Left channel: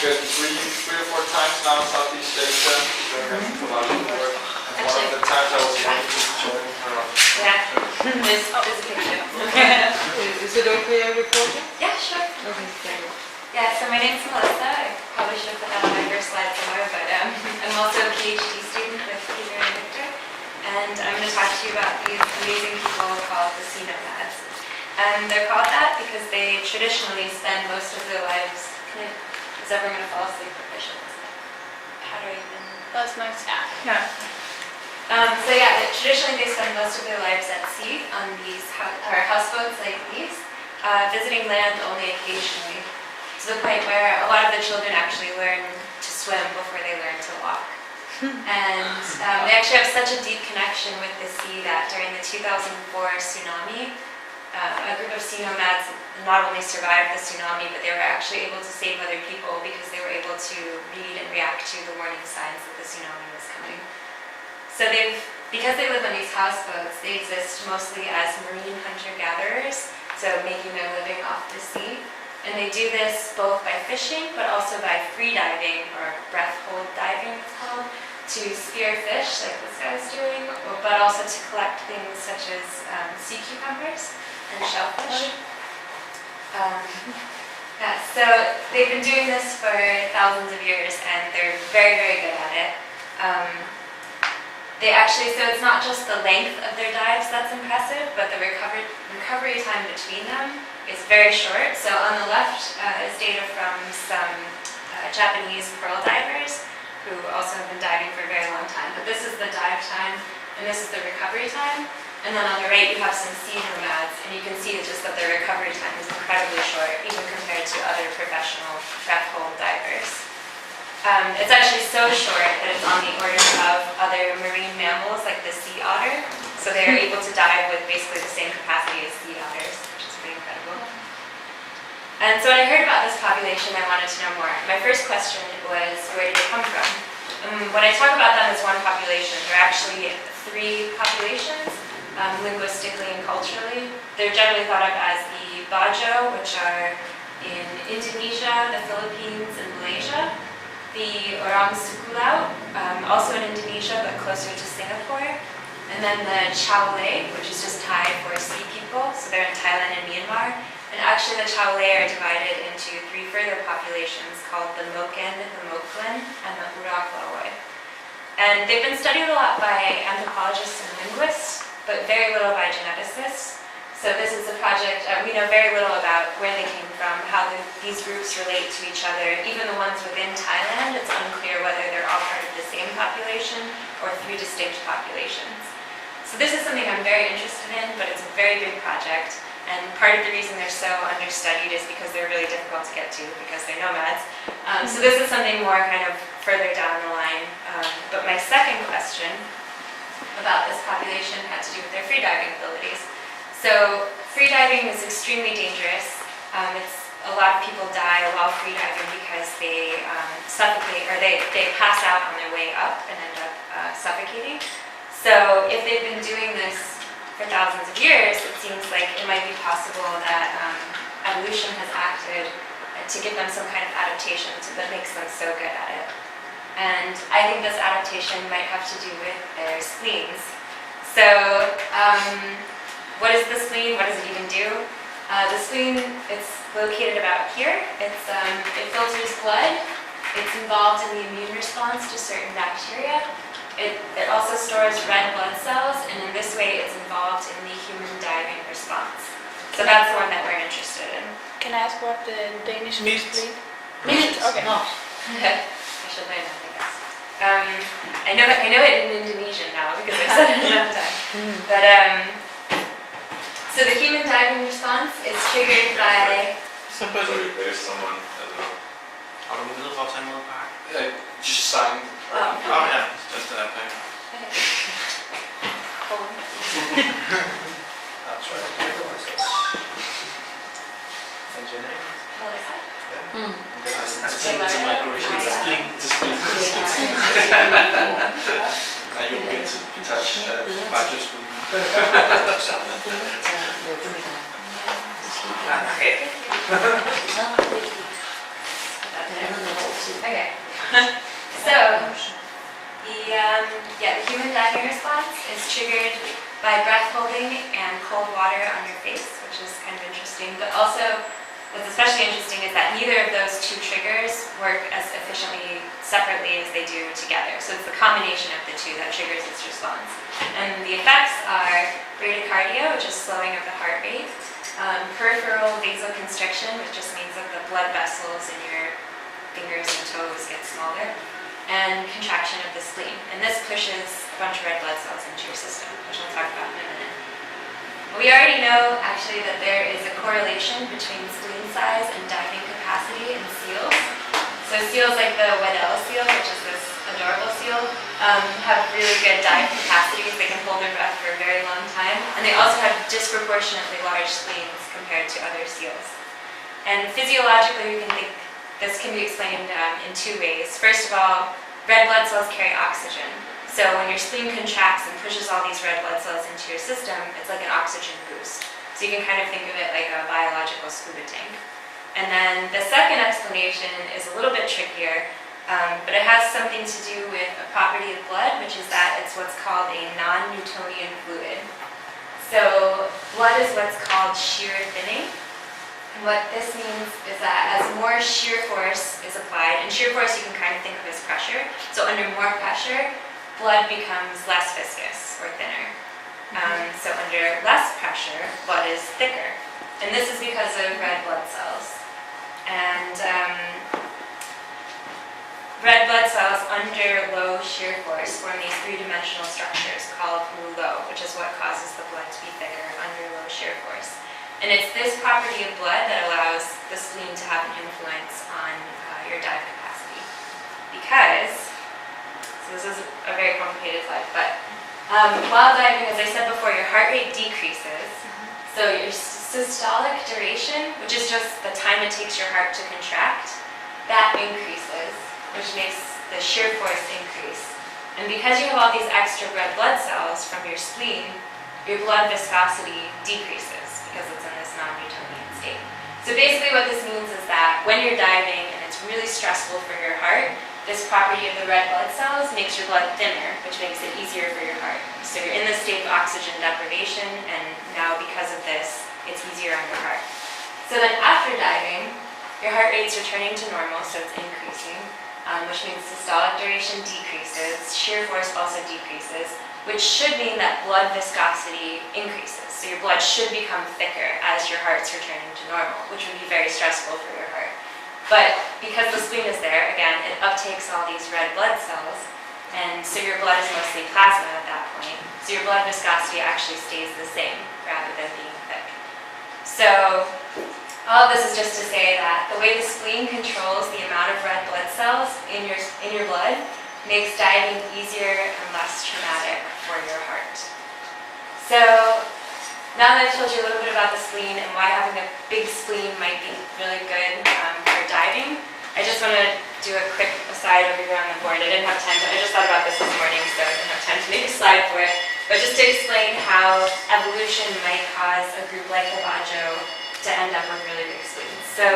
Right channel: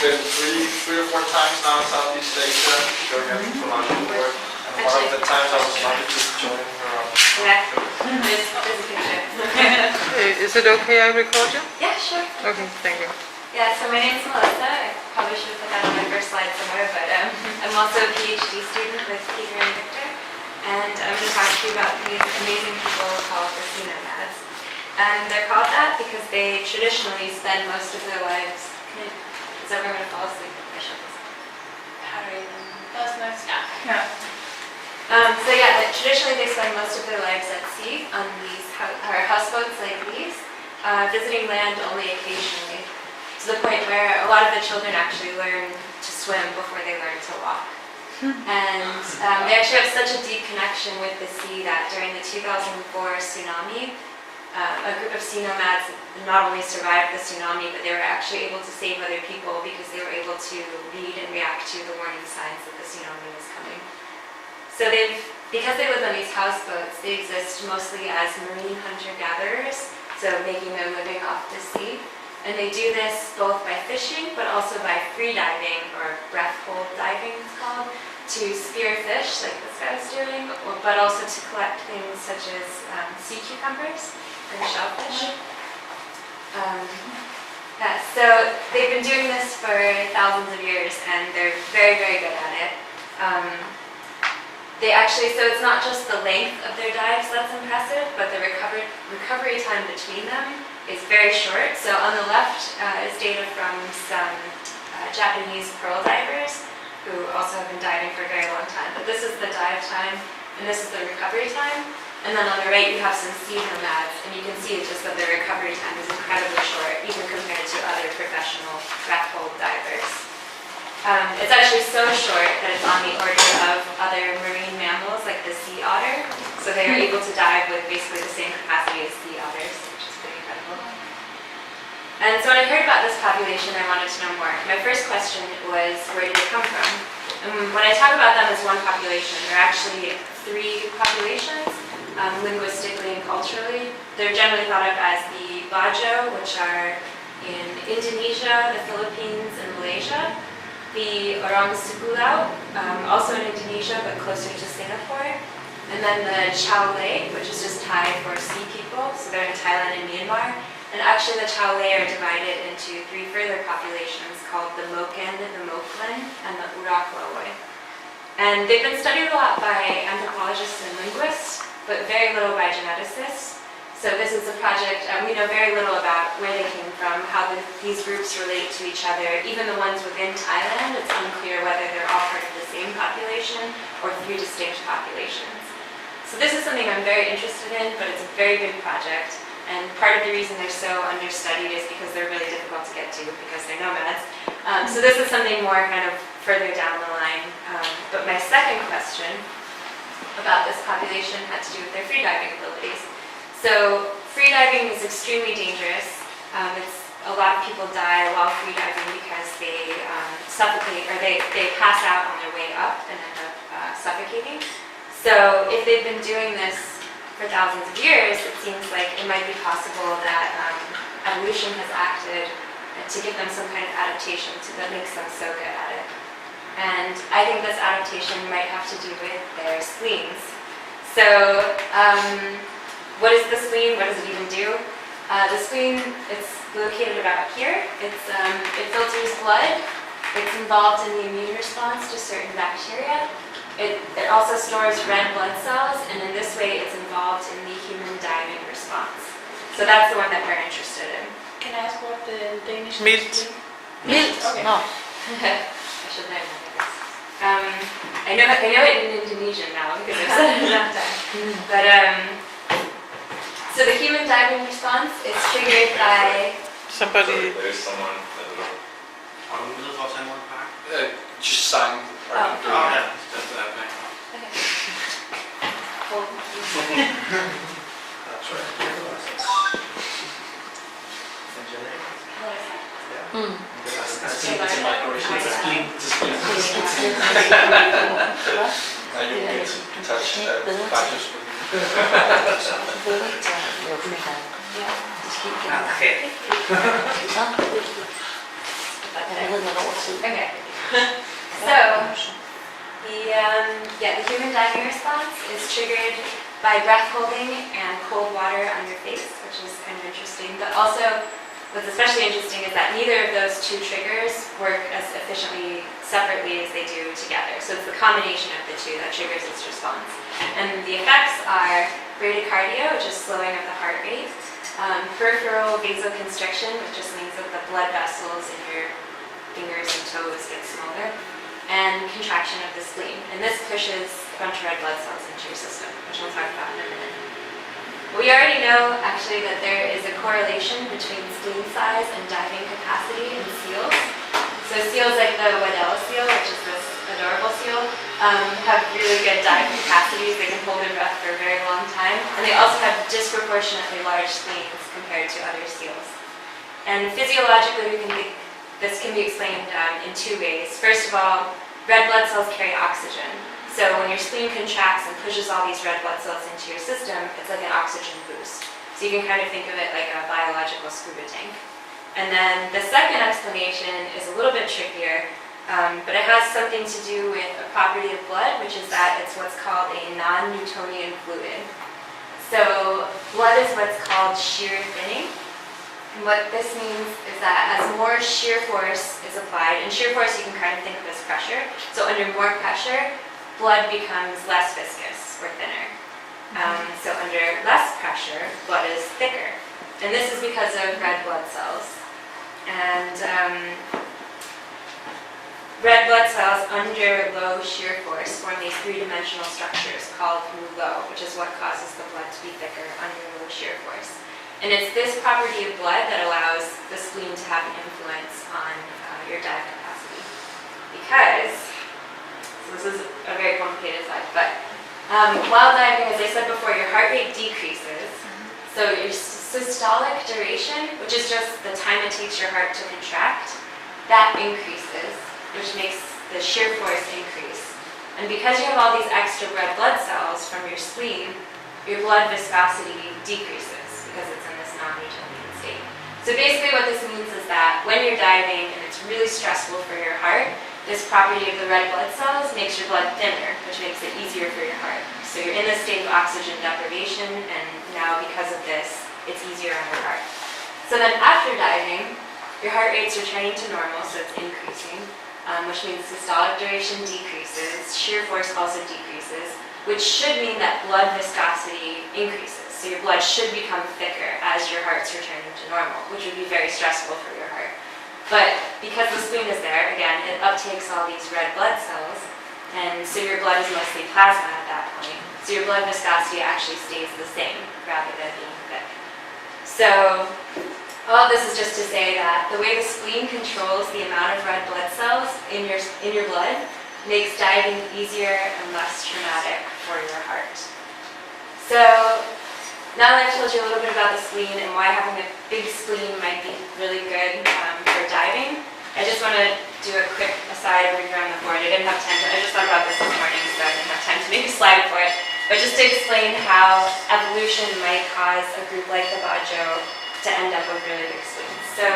been three or four times now in Southeast Asia, during a commodity board. And one of the times I was invited to join her. Yeah, there's a picture. Is it okay I record you? Yeah, sure. Okay, thank you. Yeah, so my name's Melissa. I probably should have put that on my first slide somewhere, but I'm also a PhD student with Peter and Victor. And I'm going to talk to you about these amazing people called the sea nomads. And they're called that because they traditionally spend most of their lives... Is everyone going to fall asleep for questions? How do you... That's my staff. No. So yeah, traditionally they spend most of their lives at sea on these houseboats like these, visiting land only occasionally, to the point where a lot of the children actually learn to swim before they learn to walk. And they actually have such a deep connection with the sea that during the 2004 tsunami, a group of sea nomads not only survived the tsunami, but they were actually able to save other people because they were able to read and react to the warning signs that the tsunami was coming. So because they live on these houseboats, they exist mostly as marine hunter-gatherers, so making their living off the sea. And they do this both by fishing, but also by free diving, or breath hold diving it's called, to spear fish, like this guy was doing, but also to collect things such as sea cucumbers and shellfish. Yeah, so they've been doing this for thousands of years, and they're very, very good at it. So it's not just the length of their dives that's impressive, but the recovery time between them is very short. So on the left is data from some Japanese pearl divers who also have been diving for a very long time. But this is the dive time, and this is the recovery time. And then on the right you have some sea nomads, and you can see just that their recovery time is incredibly short, even compared to other professional breath hold divers. It's actually so short that it's on the order of other marine mammals like the sea otter. So they're able to dive with basically the same capacity as sea otters, which is pretty incredible. And so when I heard about this population, I wanted to know more. My first question was, where do they come from? When I talk about them as one population, there are actually three populations, linguistically and culturally. They're generally thought of as the Bajo, which are in Indonesia, the Philippines, and Malaysia. The Orang Sukulau, also in Indonesia but closer to Singapore, and then the Chaolei, which is just Thai for sea people, so they're in Thailand and Myanmar. And actually the Chaolei are divided into three further populations called the Moken, the Moklen, and the Urak Lawoi. And they've been studied a lot by anthropologists and linguists, but very little by geneticists. So this is a project, we know very little about where they came from, how these groups relate to each other. Even the ones within Thailand, it's unclear whether they're all part of the same population or three distinct populations. So this is something I'm very interested in, but it's a very big project. And part of the reason they're so understudied is because they're really difficult to get to because they're nomads. So this is something more kind of further down the line. But my second question about this population had to do with their freediving abilities. So freediving is extremely dangerous. A lot of people die while freediving because they suffocate, or they pass out on their way up and end up suffocating. So if they've been doing this for thousands of years, it seems like it might be possible that evolution has acted to give them some kind of adaptation that makes them so good at it. And I think this adaptation might have to do with their spleens. So what is the spleen? What does it even do? The spleen, it's located about here. It filters blood. It's involved in the immune response to certain bacteria. It also stores red blood cells, and in this way it's involved in the human diving response. So that's the one that we're interested in. Can I ask what the Danish Meat. Meat. Okay. No. I should learn that, I guess. I know it in Indonesian now because I've said it enough time. But so the human diving response is triggered by... Somebody... There's someone that will... Har du mulighed for at tage noget at pakke? just sign. Oh. Ja, just that way. Okay. Hold. I'll try to make it like this. And your name? It's a migration. It's a spleen. Now you'll get to touch badges with me. Okay. Jeg har nogle år tid. Okay. So, the human diving response is triggered by breath holding and cold water on your face, which is kind of interesting. But also, what's especially interesting is that neither of those two triggers work as efficiently separately as they do together. So it's the combination of the two that triggers its response. And the effects are bradycardia, which is slowing of the heart rate, peripheral vasoconstriction, which just means that the blood vessels in your fingers and toes get smaller, and contraction of the spleen. And this pushes a bunch of red blood cells into your system, which I'll talk about in a minute. We already know, actually, that there is a correlation between spleen size and diving capacity in seals. So seals like the Waddell seal, which is this adorable seal, have really good dive capacities. They can hold their breath for a very long time. And they also have disproportionately large spleens compared to other seals. And physiologically, we can think this can be explained in two ways. First of all, red blood cells carry oxygen. So when your spleen contracts and pushes all these red blood cells into your system, it's like an oxygen boost. So you can kind of think of it like a biological scuba tank. And then the second explanation is a little bit trickier, but it has something to do with a property of blood, which is that it's what's called a non-Newtonian fluid. So blood is what's called shear thinning. And what this means is that as more shear force is applied, and shear force you can kind of think of as pressure, so under more pressure, blood becomes less viscous or thinner. So under less pressure, blood is thicker. And this is because of red blood cells. And red blood cells under low shear force form these three-dimensional structures called rouleaux, which is what causes the blood to be thicker under low shear force. And it's this property of blood that allows the spleen to have an influence on your dive capacity. Because, so this is a very complicated slide, but while diving, as I said before, your heart rate decreases. So your systolic duration, which is just the time it takes your heart to contract, that increases, which makes the shear force increase. And because you have all these extra red blood cells from your spleen, your blood viscosity decreases because it's in this non-Newtonian state. So basically what this means is that when you're diving and it's really stressful for your heart, this property of the red blood cells makes your blood thinner, which makes it easier for your heart. So you're in this state of oxygen deprivation, and now because of this, it's easier on your heart. So then after diving, your heart rate's returning to normal, so it's increasing, which means systolic duration decreases, shear force also decreases, which should mean that blood viscosity increases. So your blood should become thicker as your heart's returning to normal, which would be very stressful for your heart. But because the spleen is there, again, it uptakes all these red blood cells, and so your blood is mostly plasma at that point. So your blood viscosity actually stays the same rather than being thick. So all of this is just to say that the way the spleen controls the amount of red blood cells in your blood makes diving easier and less traumatic for your heart. So now that I've told you a little bit about the spleen and why having a big spleen might be really good for diving, I just want to do a quick aside over here on the board. I didn't have time, I just thought about this morning, so I didn't have time to make a slide for it. But just to explain how evolution might cause a group like the Bajo to end up with really big spleens. So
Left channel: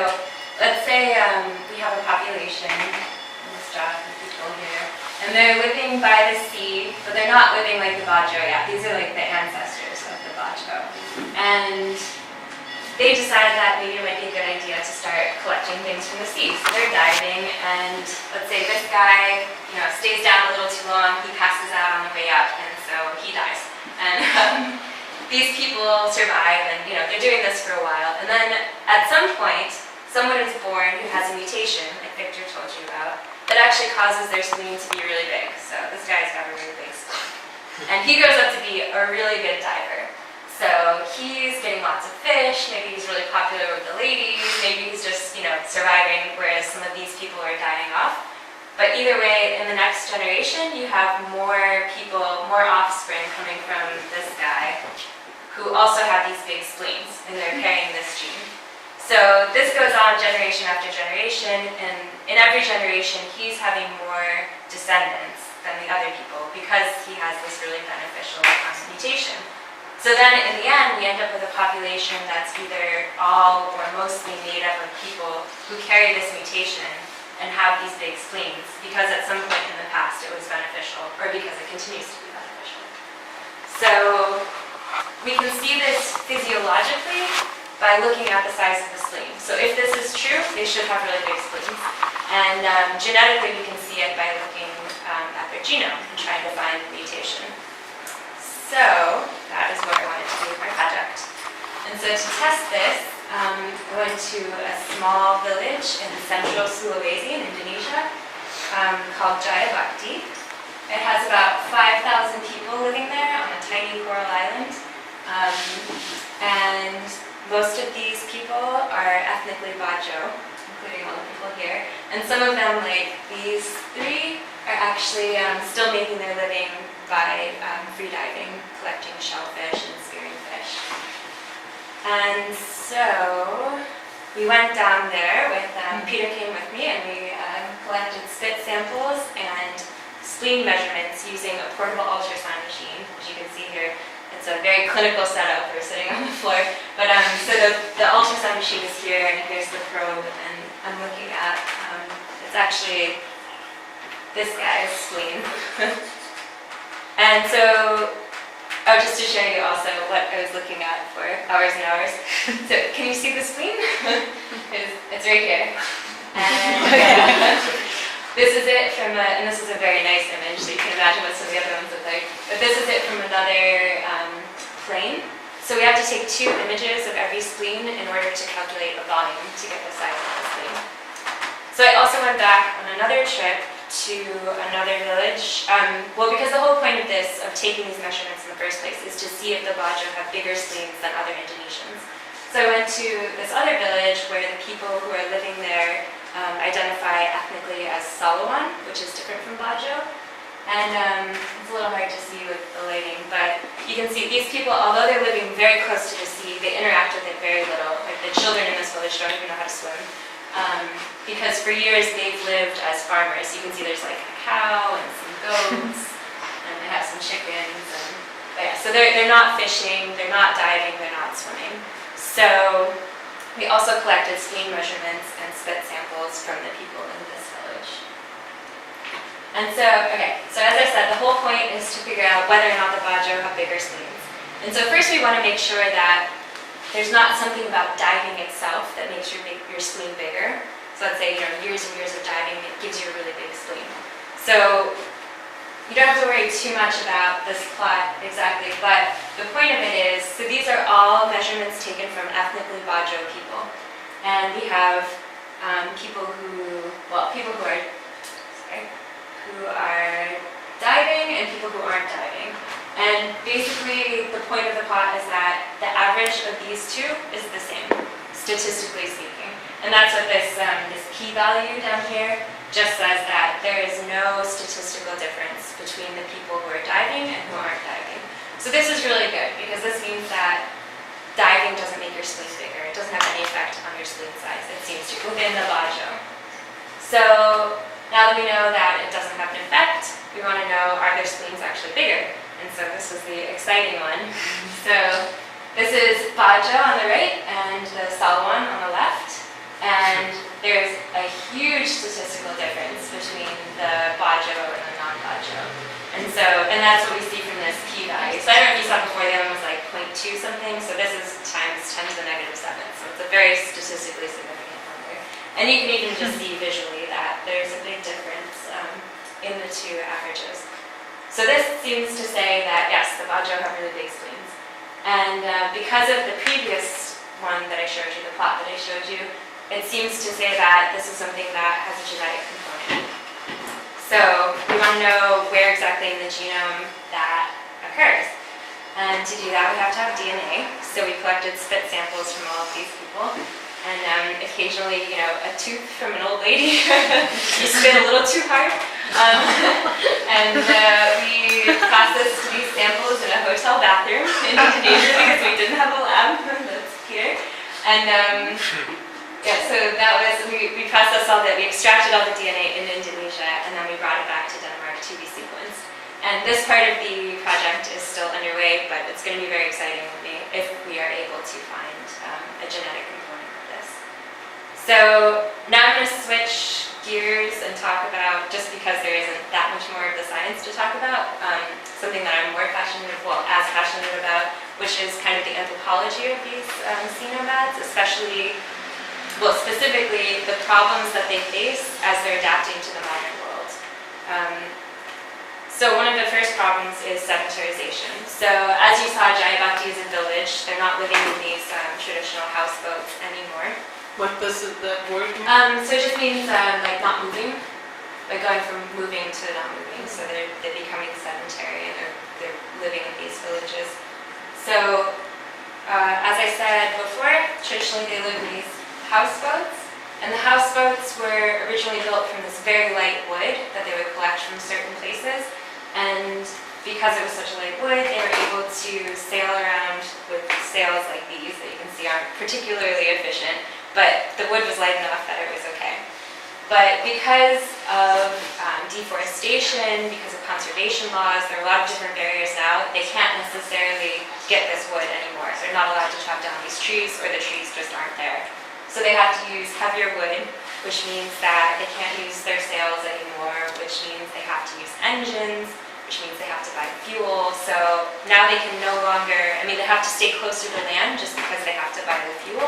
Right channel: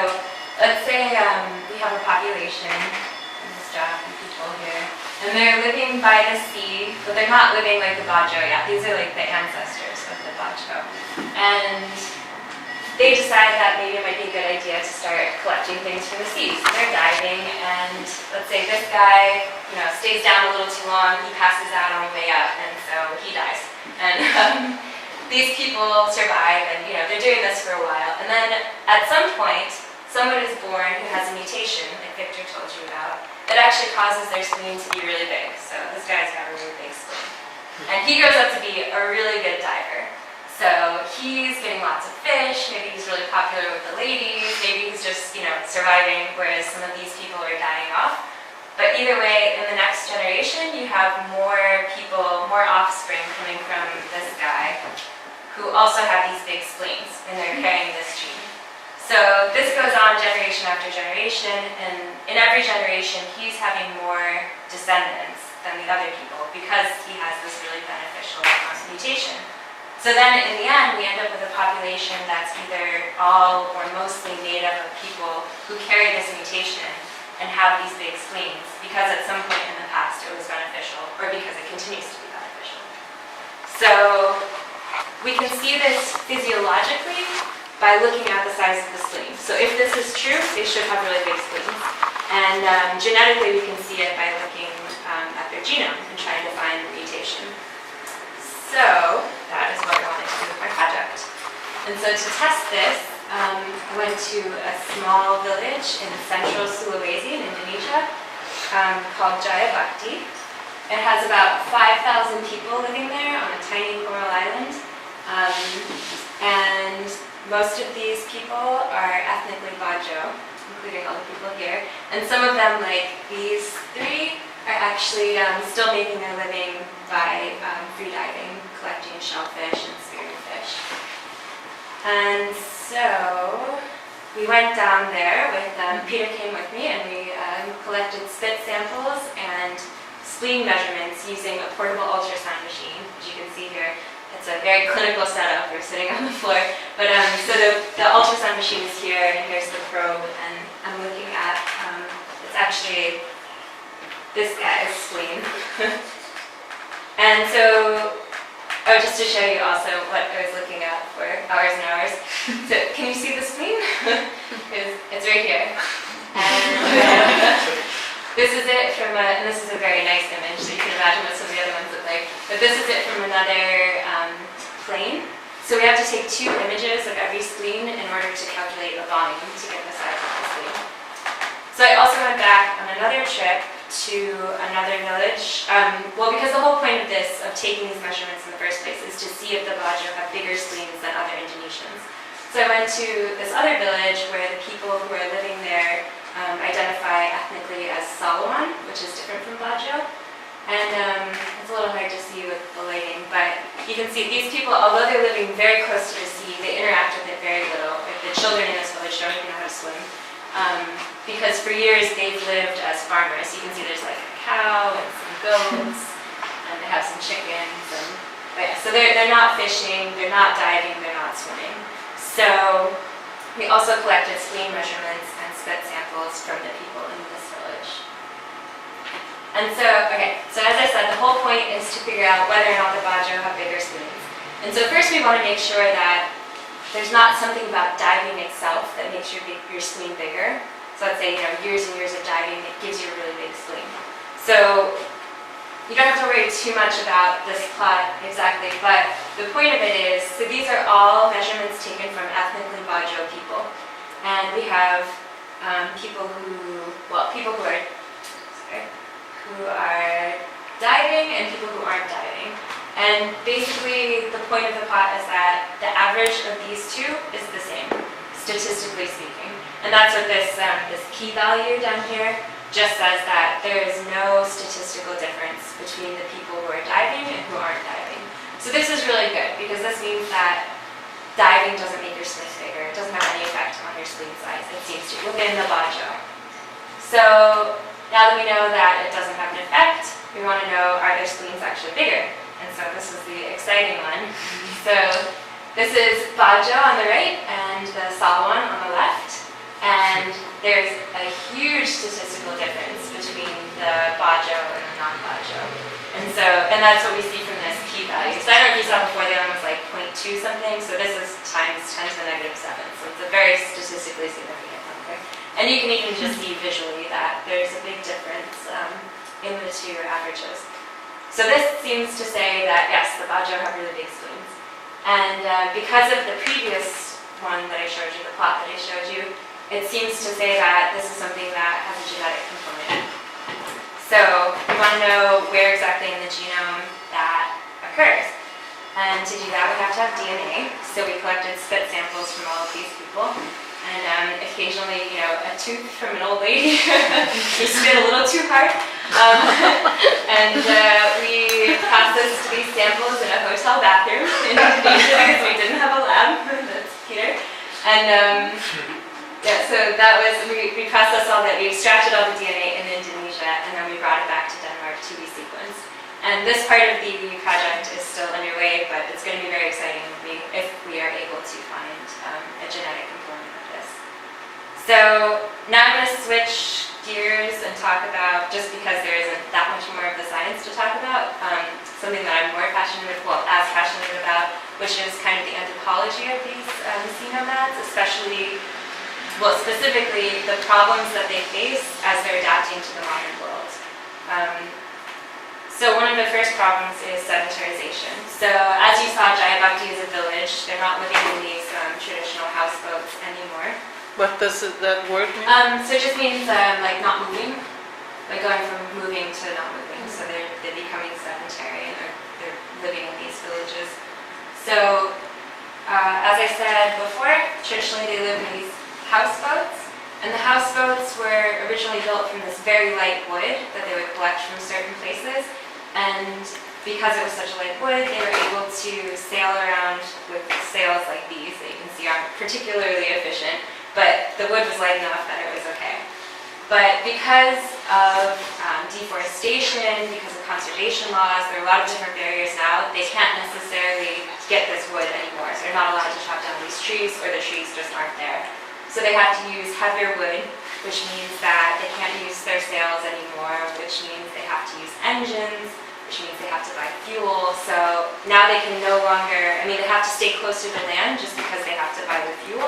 let's say we have a population, let's draw a few people here, and they're living by the sea, but they're not living like the Bajo yet. These are like the ancestors of the Bajo. And they decide that maybe it might be a good idea to start collecting things from the sea. So they're diving, and let's say this guy, stays down a little too long, he passes out on the way up, and so he dies. And these people survive, and they're doing this for a while. And then at some point, someone is born who has a mutation, like Victor told you about, that actually causes their spleen to be really big. So this guy's got a really big spleen. And he grows up to be a really good diver. So he's getting lots of fish, maybe he's really popular with the ladies, maybe he's just, surviving, whereas some of these people are dying off. But either way, in the next generation, you have more people, more offspring coming from this guy who also have these big spleens, and they're carrying this gene. So this goes on generation after generation, and in every generation, he's having more descendants than the other people because he has this really beneficial mutation. So then in the end, we end up with a population that's either all or mostly made up of people who carry this mutation, and have these big spleens because at some point in the past it was beneficial, or because it continues to be beneficial. So we can see this physiologically by looking at the size of the spleen. So if this is true, they should have really big spleens. And genetically, we can see it by looking at their genome and trying to find the mutation. So that is what I wanted to do with my project. And so to test this, I went to a small village in central Sulawesi in Indonesia called Jayabakti. It has about 5,000 people living there on a tiny coral island. And most of these people are ethnically Bajo, including all the people here. And some of them, like these three, are actually still making their living by free diving, collecting shellfish and spearing fish. And so we went down there with, Peter came with me, and we collected spit samples and spleen measurements using a portable ultrasound machine, as you can see here. It's a very clinical setup. We're sitting on the floor. But so the ultrasound machine is here, and here's the probe, and I'm looking at, it's actually this guy's spleen. And so, just to show you also what I was looking at for hours and hours. So can you see the spleen? It's right here. And this is it from and this is a very nice image, so you can imagine what some of the other ones look like. But this is it from another plane. So we have to take 2 images of every spleen in order to calculate the volume to get the size of the spleen. So I also went back on another trip to another village. Well, because the whole point of this, of taking these measurements in the first place, is to see if the Bajo have bigger spleens than other Indonesians. So I went to this other village where the people who are living there identify ethnically as Salawan, which is different from Bajo. And it's a little hard to see with the lighting, but you can see these people, although they're living very close to the sea, they interact with it very little. Like the children in this village don't even know how to swim. Because for years they've lived as farmers. You can see there's like a cow and some goats, and they have some chickens. But yeah, so they're not fishing, they're not diving, they're not swimming. So we also collected spleen measurements and spit samples from the people in this village. And so, okay, so as I said, the whole point is to figure out whether or not the Bajo have bigger spleens. And so first we want to make sure that there's not something about diving itself that makes your spleen bigger. So let's say, years and years of diving, it gives you a really big spleen. So you don't have to worry too much about this plot exactly, but the point of it is, so these are all measurements taken from ethnically Bajo people. And we have people who are diving and people who aren't diving. And basically the point of the plot is that the average of these two is the same, statistically speaking. And that's what this p-value down here just says, that there is no statistical difference between the people who are diving and who aren't diving. So this is really good, because this means that diving doesn't make your spleen bigger. It doesn't have any effect on your spleen size, it seems to, within the Bajo. So now that we know that it doesn't have an effect, we want to know, are their spleens actually bigger? And so this was the exciting one. So this is Bajo on the right and the Salawan on the left. And there's a huge statistical difference between the Bajo and the non-Bajo. And that's what we see from this p-value. So I don't know if you saw before, the other one was like 0.2 something. So this is times 10 to the -7. So it's a very statistically significant number. And you can even just see visually that there's a big difference in the two averages. So this seems to say that, yes, the Bajo have really big spleens. And because of the previous one that I showed you, the plot that I showed you, it seems to say that this is something that has a genetic component. So we want to know where exactly in the genome that occurs. And to do that, we have to have DNA. So we collected spit samples from all of these people. And occasionally, a tooth from an old lady, we spit a little too hard. And we processed these samples in a hotel bathroom in Indonesia because we didn't have a lab. That's Peter. And so that was, we processed all that, we extracted all the DNA in Indonesia, and then we brought it back to Denmark to be sequenced. And this part of the project is still underway, but it's going to be very exciting if we are able to find a genetic component of this. So now I'm going to switch gears and talk about, just because there isn't that much more of the science to talk about, something that I'm more passionate, well, as passionate about, which is kind of the anthropology of these sea nomads, especially, well, specifically the problems that they face as they're adapting to the modern world. So one of the first problems is sedentarization. So as you saw, Jayabhakti is a village. They're not living in these traditional houseboats anymore. What does that word mean? So it just means like not moving, like going from moving to not moving. So they're becoming sedentary and they're living in these villages. So as I said before, traditionally they live in these houseboats. And the houseboats were originally built from this very light wood that they would collect from certain places. And because it was such a light wood, they were able to sail around with sails like these that you can see aren't particularly efficient, but the wood was light enough that it was okay. But because of deforestation, because of conservation laws, there are a lot of different barriers now. They can't necessarily get this wood anymore. They're not allowed to chop down these trees, or the trees just aren't there. So they have to use heavier wood, which means that they can't use their sails anymore, which means they have to use engines, which means they have to buy fuel. So now they can no longer, they have to stay close to the land just because they have to buy the fuel.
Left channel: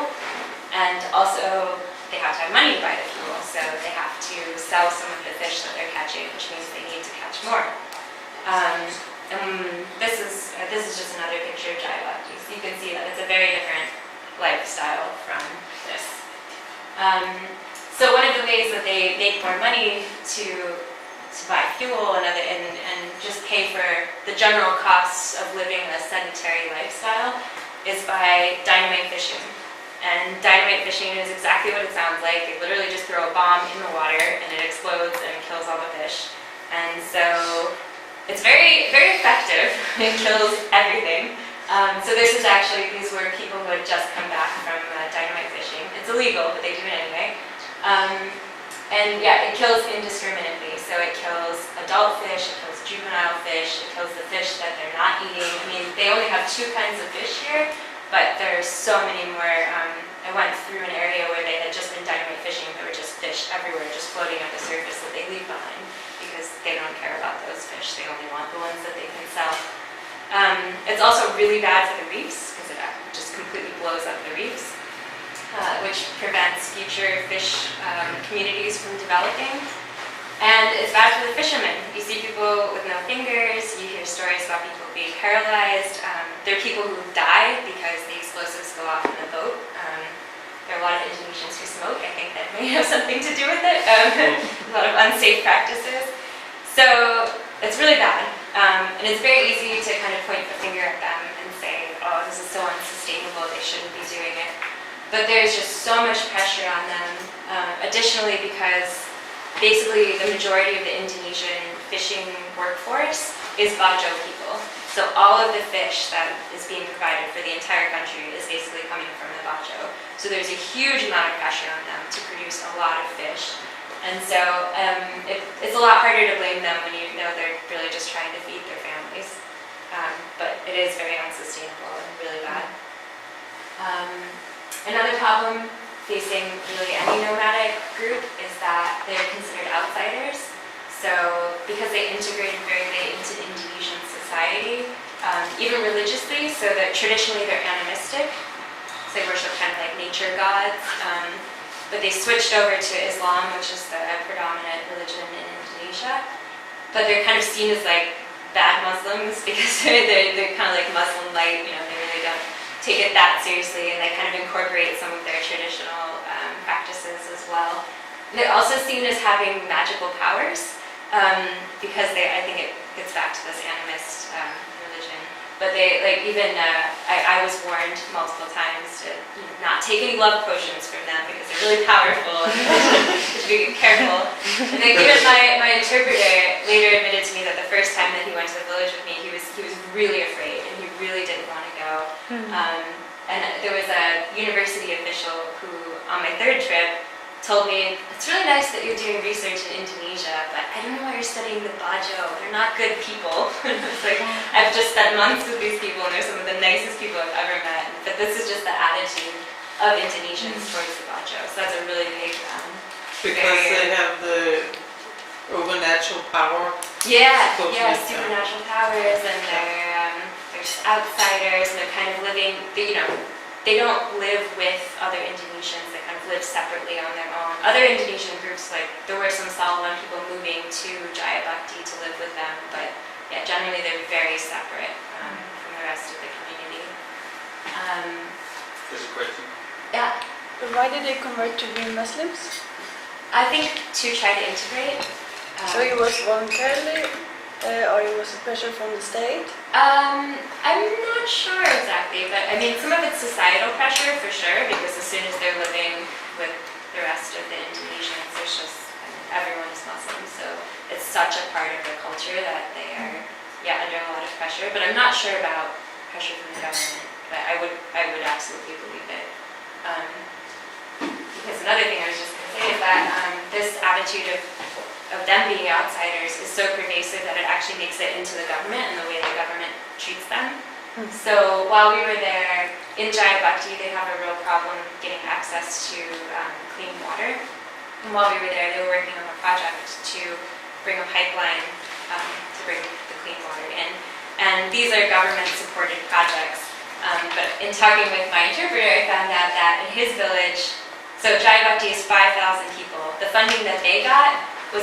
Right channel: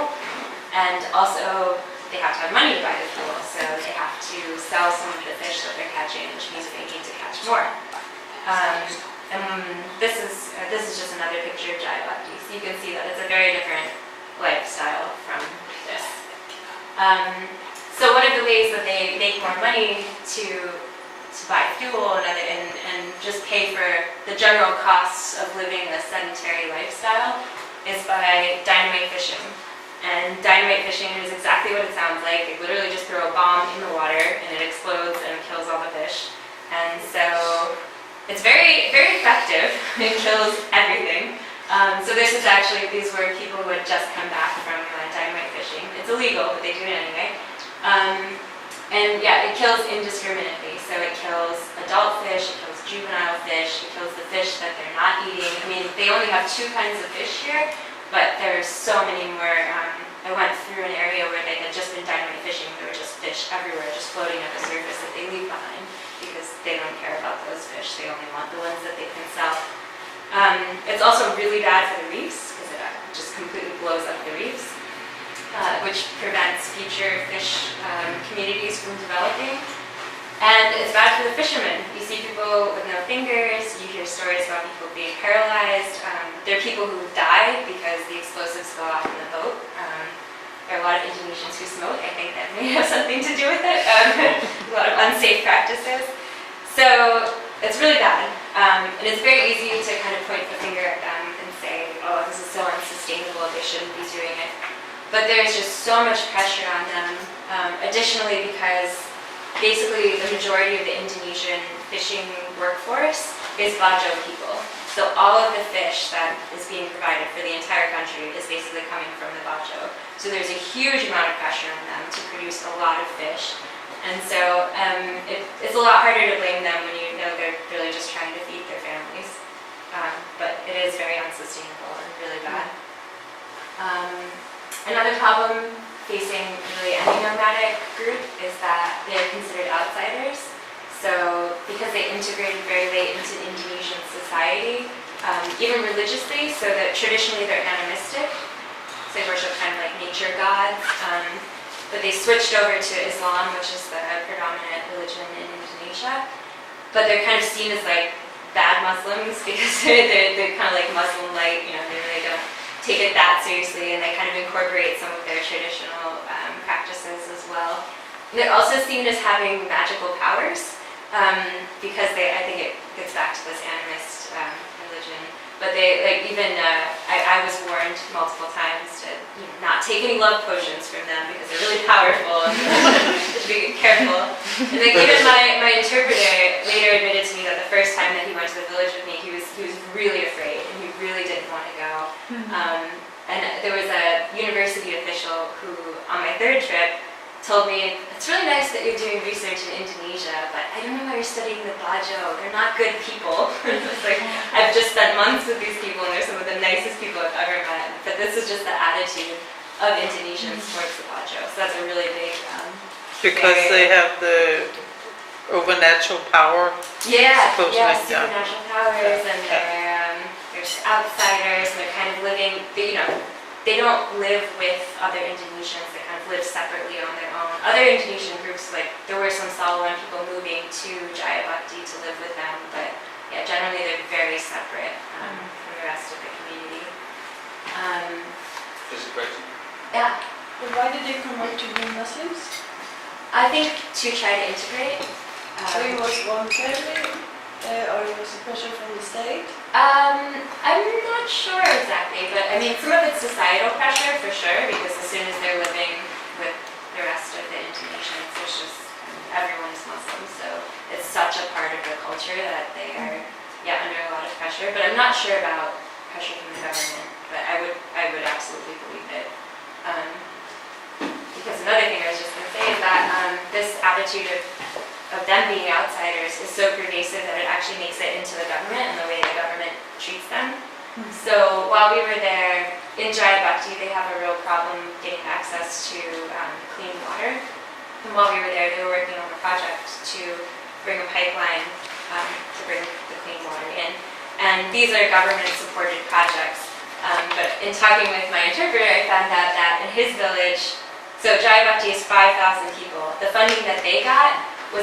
And also they have to have money to buy the fuel. So they have to sell some of the fish that they're catching, which means they need to catch more. This is just another picture of Jayabhakti. So you can see that it's a very different lifestyle from this. So one of the ways that they make more money to buy fuel and just pay for the general costs of living a sedentary lifestyle is by dynamite fishing. And dynamite fishing is exactly what it sounds like. They literally just throw a bomb in the water and it explodes and kills all the fish. And so it's very, very effective. It kills everything. So these were people who had just come back from dynamite fishing. It's illegal, but they do it anyway. And yeah, it kills indiscriminately. So it kills adult fish, it kills juvenile fish, it kills the fish that they're not eating. They only have 2 kinds of fish here, but there are so many more. I went through an area where they had just been dynamite fishing. There were just fish everywhere, just floating at the surface that they leave behind because they don't care about those fish. They only want the ones that they can sell. It's also really bad for the reefs because it just completely blows up the reefs, which prevents future fish communities from developing. And it's bad for the fishermen. You see people with no fingers, you hear stories about people being paralyzed. There are people who die because the explosives go off in the boat. There are a lot of Indonesians who smoke. I think that may have something to do with it. A lot of unsafe practices. So it's really bad. And it's very easy to kind of point the finger at them and say, oh, this is so unsustainable, they shouldn't be doing it. But there's just so much pressure on them. Additionally, because basically the majority of the Indonesian fishing workforce is Bajo people. So all of the fish that is being provided for the entire country is basically coming from the Bajo. So there's a huge amount of pressure on them to produce a lot of fish. And so it's a lot harder to blame them when you know they're really just trying to feed their families. But it is very unsustainable and really bad. Another problem facing really any nomadic group is that they're considered outsiders. So because they integrated very late into Indonesian society, even religiously, so that traditionally they're animistic. So they worship kind of like nature gods. But they switched over to Islam, which is the predominant religion in Indonesia. But they're kind of seen as like bad Muslims because they're kind of like Muslim light, they really don't take it that seriously, and they kind of incorporate some of their traditional practices as well. And they're also seen as having magical powers because I think it gets back to this animist religion. But they, I was warned multiple times to not take any love potions from them because they're really powerful and to be careful. And even my interpreter later admitted to me that the first time that he went to the village with me, he was really afraid and he really didn't want to go. And there was a university official who, on my 3rd trip, told me, it's really nice that you're doing research in Indonesia, but I don't know why you're studying the Bajo. They're not good people. And I was like, I've just spent months with these people and they're some of the nicest people I've ever met. But this is just the attitude of Indonesians towards the Bajo. So that's a really big Because they have the overnatural power. Yeah, Supposed to yeah, be, yeah. supernatural powers, and they're just outsiders, and they're kind of living, they don't live with other Indonesians, they kind of live separately on their own. Other Indonesian groups, like, there were some Salawan people moving to Jayabakti to live with them, but yeah, generally they're very separate from the rest of the community. Just a question. Yeah, Why did they convert to being Muslims? I think to try to integrate. So it was voluntarily, or it was a pressure from the state? I'm not sure exactly, but I mean, some of it's societal pressure for sure, because as soon as they're living with the rest of the Indonesians, there's just, everyone is Muslim, so it's such a part of the culture that they are, under a lot of pressure. But I'm not sure about pressure from the government, but I would absolutely believe it. Because another thing I was just going to say is that this attitude of them being outsiders is so pervasive that it actually makes it into the government and the way the government treats them. So while we were there in Jayabakti, they have a real problem getting access to clean water. And while we were there, they were working on a project to bring a pipeline to bring the clean water in. And these are government-supported projects. But in talking with my interpreter, I found out that in his village, so Jayabakti is 5,000 people. The funding that they got was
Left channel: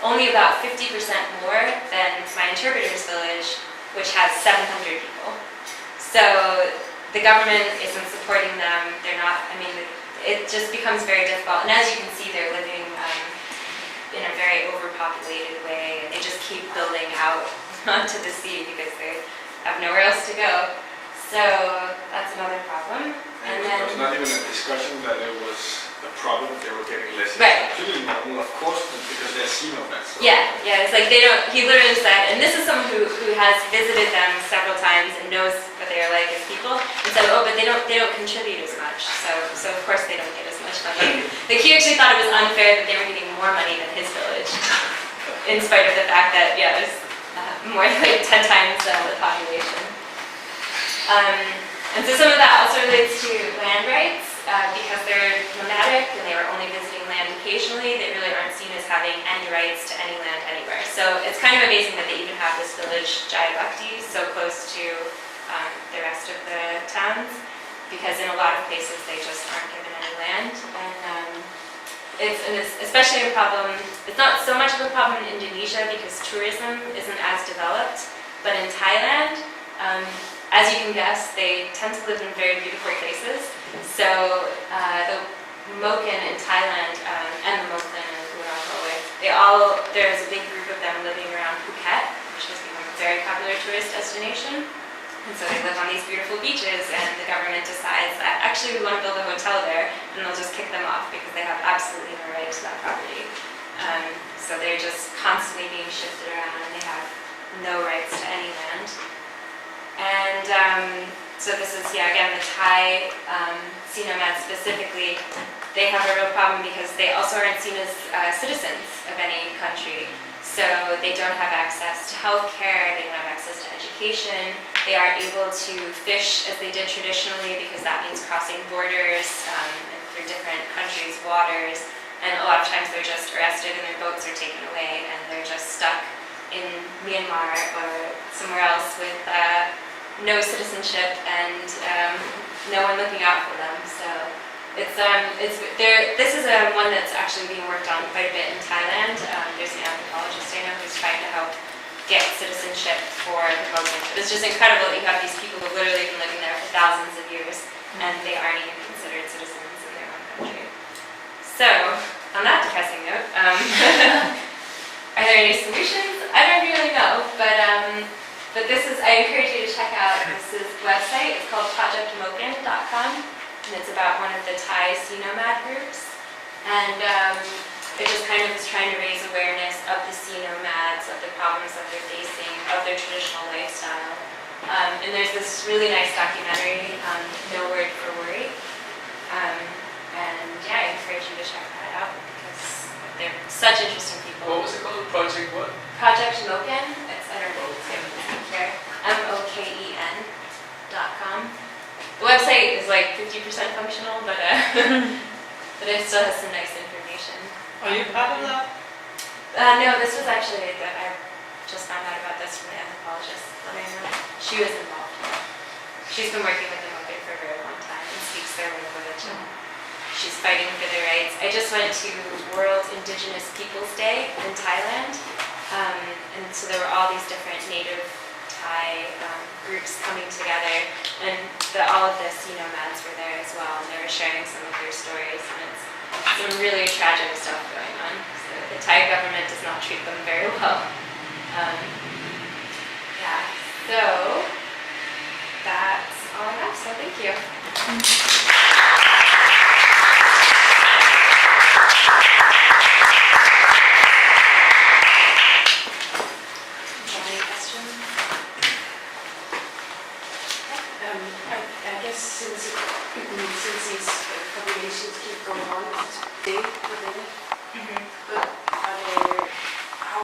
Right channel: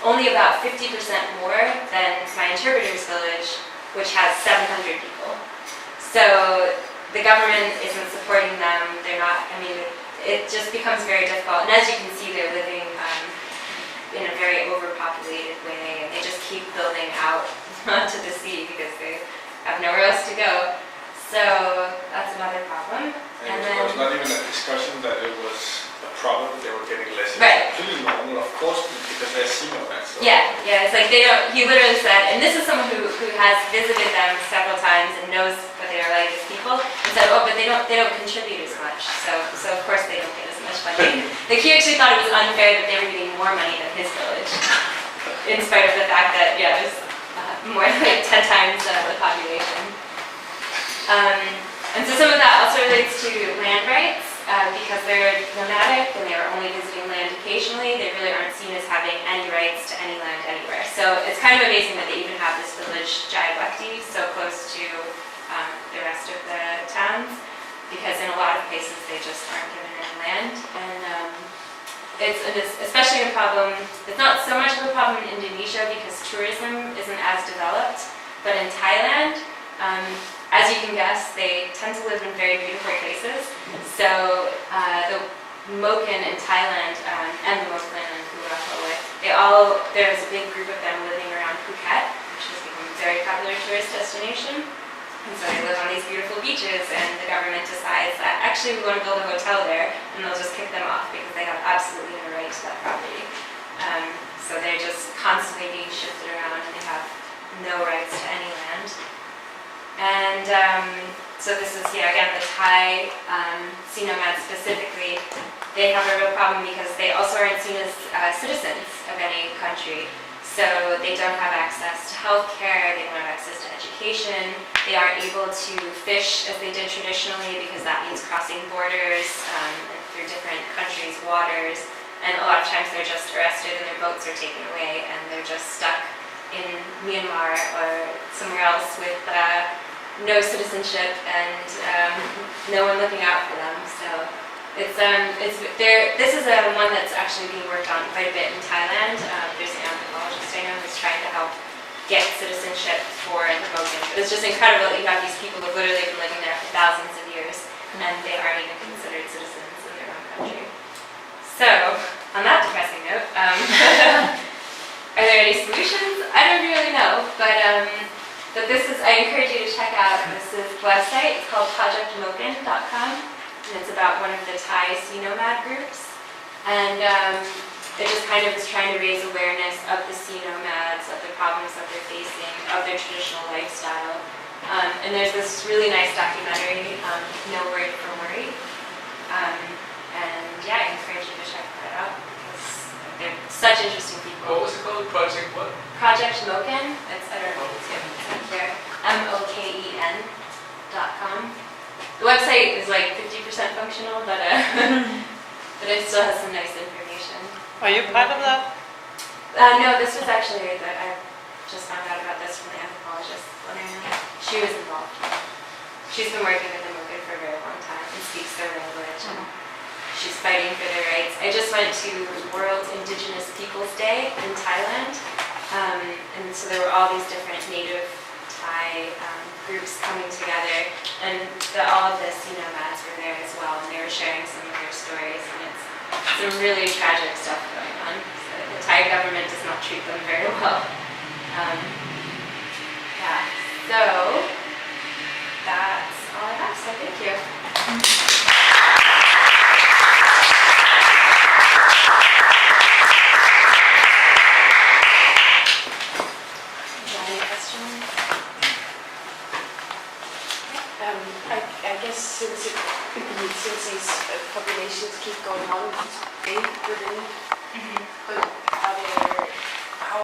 only about 50% more than my interpreter's village, which has 700 people. So the government isn't supporting them. They're not, it just becomes very difficult. And as you can see, they're living in a very overpopulated way. And they just keep building out onto the sea because they have nowhere else to go. So that's another problem. And then, it was not even a discussion that it was a problem, they were getting less. Right. It's completely normal, of course, because they're sea nomads. So. yeah, it's like they don't, he literally said, and this is someone who has visited them several times and knows what they are like as people, and said, but they don't contribute as much, so of course they don't get as much money. Like he actually thought it was unfair that they were getting more money than his village, in spite of the fact that, it was more like 10 times the population. And so some of that also relates to land rights, because they're nomadic and they were only visiting land occasionally. They really aren't seen as having any rights to any land anywhere. So it's kind of amazing that they even have this village, Jayabakti, so close to the rest of the towns, because in a lot of places they just aren't given any land. And it's especially a problem, it's not so much of a problem in Indonesia because tourism isn't as developed, but in Thailand, as you can guess, they tend to live in very beautiful places. So the Moken in Thailand and the Moken in Kuala, there's a big group of them living around Phuket, which has become a very popular tourist destination. And so they live on these beautiful beaches, and the government decides that actually we want to build a hotel there, and they'll just kick them off because they have absolutely no right to that property. So they're just constantly being shifted around, and they have no rights to any land. And so this is, again, the Thai sea nomads specifically. They have a real problem because they also aren't seen as citizens of any country. So they don't have access to healthcare, they don't have access to education. They aren't able to fish as they did traditionally because that means crossing borders through different countries' waters. And a lot of times they're just arrested and their boats are taken away and they're just stuck in Myanmar or somewhere else with no citizenship and no one looking out for them. So this is one that's actually being worked on quite a bit in Thailand. There's an anthropologist I know who's trying to help get citizenship for the Muslims. It's just incredible that you have these people who literally have been living there for thousands of years and they aren't even considered citizens in their own country. So, on that depressing note, are there any solutions? I don't really know, but I encourage you to check out this website. It's called projectmoken.com, and it's about one of the Thai sea nomad groups. And it just kind of is trying to raise awareness of the sea nomads, of the problems that they're facing, of their traditional lifestyle. And there's this really nice documentary, No Word for Worry. I encourage you to check that out because they're such interesting people. What was it called? Project what? Project Moken. It's, I don't know, it's here. MOKEN.com. The website is like 50% functional, but it still has some nice information. organization. Are you part of that? No, this was actually that I just found out about this from the anthropologist. She was involved. She's been working with the Mokwe for a very long time and speaks their language. And she's fighting for their rights. I just went to World Indigenous Peoples Day in Thailand, and so there were all these different native Thai groups coming together, and all of the sea nomads were there as well, and they were sharing some of their stories, and it's some really tragic stuff going on. So the Thai government does not treat them very well. Yeah, so